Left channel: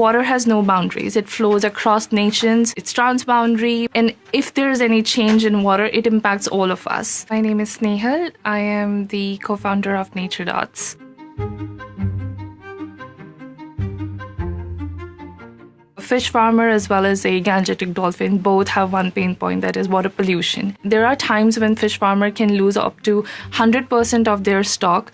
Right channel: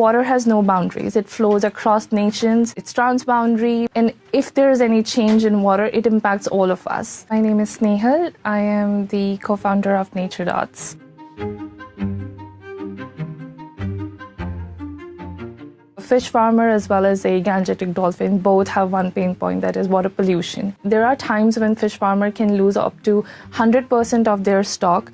Water has no boundaries. It flows across nations. It's transboundary. And if there is any change in water, it impacts all of us. My name is Snehal. I am the co-founder of NatureDots. A fish farmer as well as a gangetic dolphin both have one pain point, that is water pollution. There are times when fish farmer can lose up to 100% of their stock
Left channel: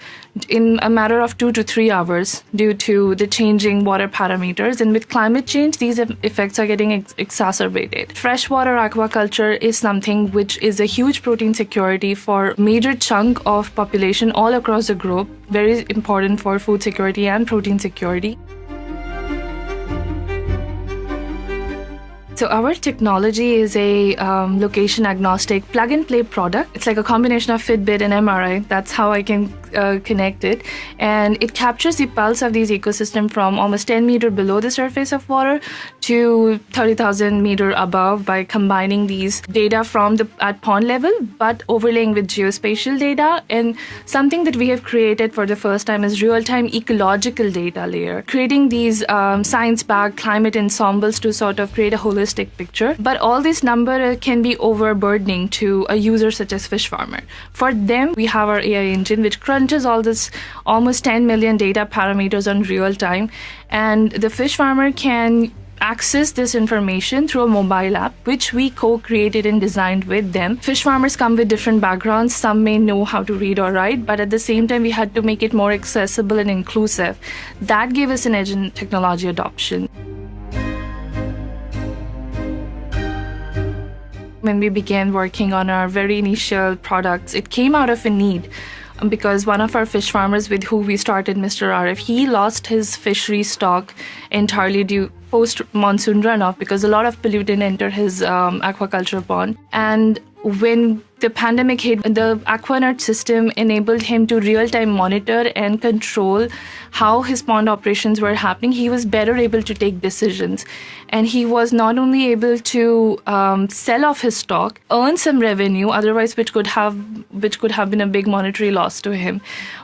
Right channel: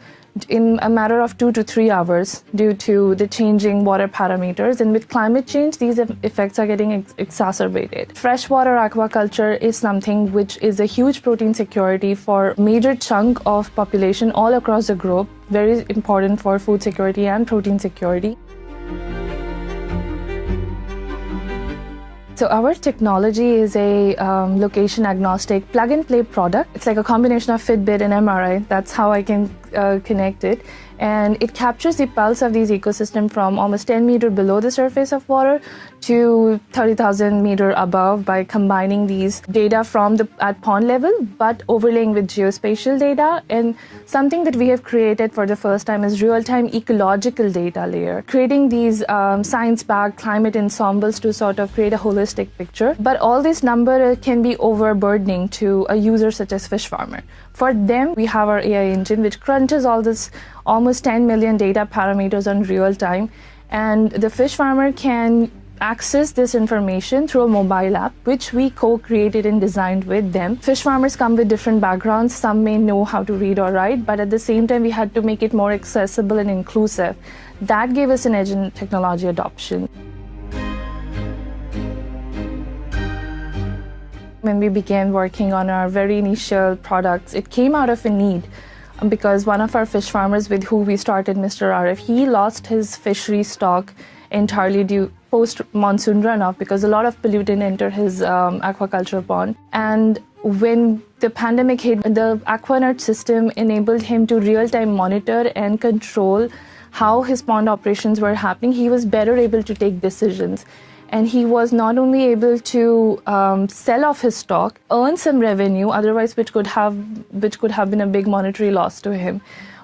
in a matter of 2 to 3 hours due to the changing water parameters, and with climate change these effects are getting exacerbated. Freshwater aquaculture is something which is a huge protein security for a major chunk of population all across the globe, very important for food security and protein security. So our technology is a location-agnostic plug-and-play product. It's like a combination of Fitbit and MRI. That's how I can connect it. And it captures the pulse of these ecosystems from almost 10 meters below the surface of water to 30,000 meters above by combining these data from at pond level, but overlaying with geospatial data. And something that we have created for the first time is real-time ecological data layer, creating these science-backed climate ensembles to sort of create a holistic picture. But all this number can be overburdening to a user such as fish farmer. For them, we have our AI engine, which crunches all this almost 10 million data parameters on real time. And the fish farmer can access this information through a mobile app, which we co-created and designed with them. Fish farmers come with different backgrounds. Some may know how to read or write, but at the same time, we had to make it more accessible and inclusive. That gave us an edge in technology adoption. When we began working on our very initial products, it came out of a need because one of our fish farmers with who we started, Mr. Arif, he lost his fishery stock entirely due post-monsoon runoff because a lot of pollutant entered his aquaculture pond. And when the pandemic hit, the AquaNurch system enabled him to real-time monitor and control how his pond operations were happening. He was better able to take decisions. And he was not only able to sell off his stock, earn some revenue, otherwise which could have been a big monetary loss to him.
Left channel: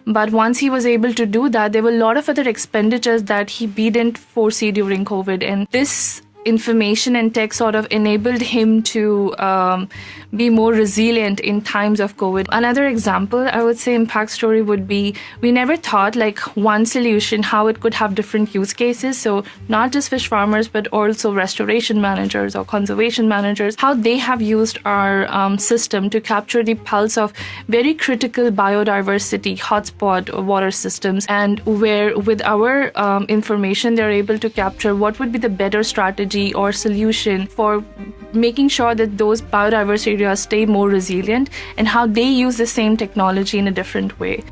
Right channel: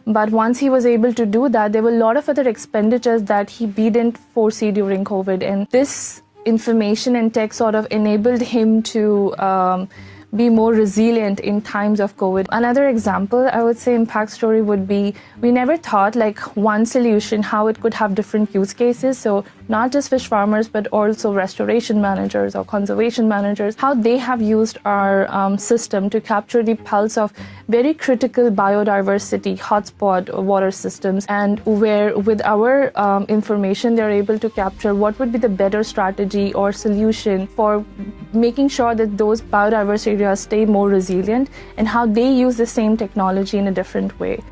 But once he was able to do that, there were a lot of other expenditures that we didn't foresee during COVID. And this information and tech sort of enabled him to be more resilient in times of COVID. Another example, I would say, impact story would be, we never thought like one solution, how it could have different use cases. So not just fish farmers, but also restoration managers or conservation managers, how they have used our system to capture the pulse of very critical biodiversity hotspot water systems, and where with our information, they're able to capture what would be the better strategy or solution for making sure that those biodiversity areas stay more resilient, and how they use the same technology in a different way.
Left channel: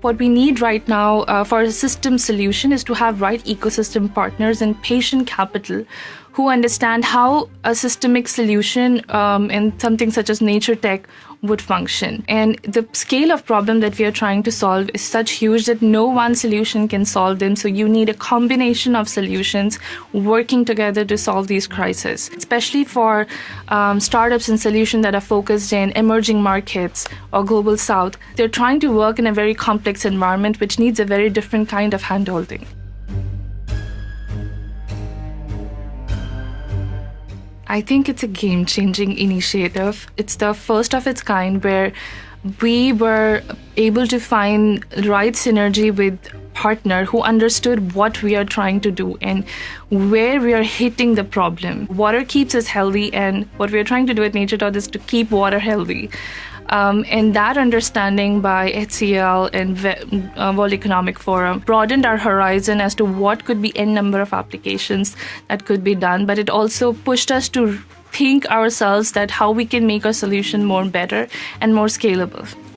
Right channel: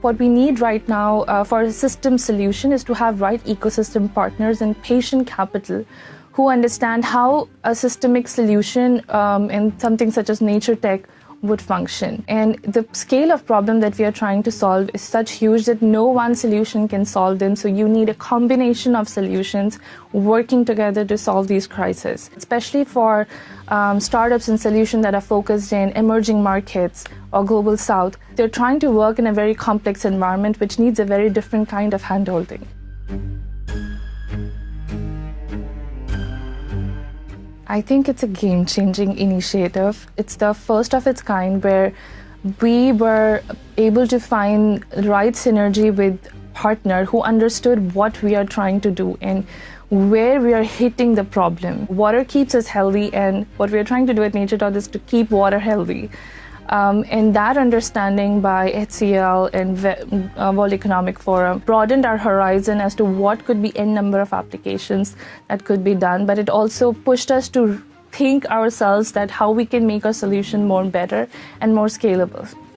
What we need right now for a system solution is to have right ecosystem partners and patient capital who understand how a systemic solution in something such as NatureTech would function. And the scale of problem that we are trying to solve is such huge that no one solution can solve them. So you need a combination of solutions working together to solve these crises, especially for startups and solutions that are focused in emerging markets or global south. They're trying to work in a very complex environment, which needs a very different kind of handholding. I think it's a game-changing initiative. It's the first of its kind where we were able to find the right synergy with partner who understood what we are trying to do and where we are hitting the problem. Water keeps us healthy, and what we're trying to do at NatureDots is to keep water healthy. And that understanding by HCL and World Economic Forum broadened our horizon as to what could be n number of applications that could be done, but it also pushed us to think ourselves that how we can make our solution more better and more scalable.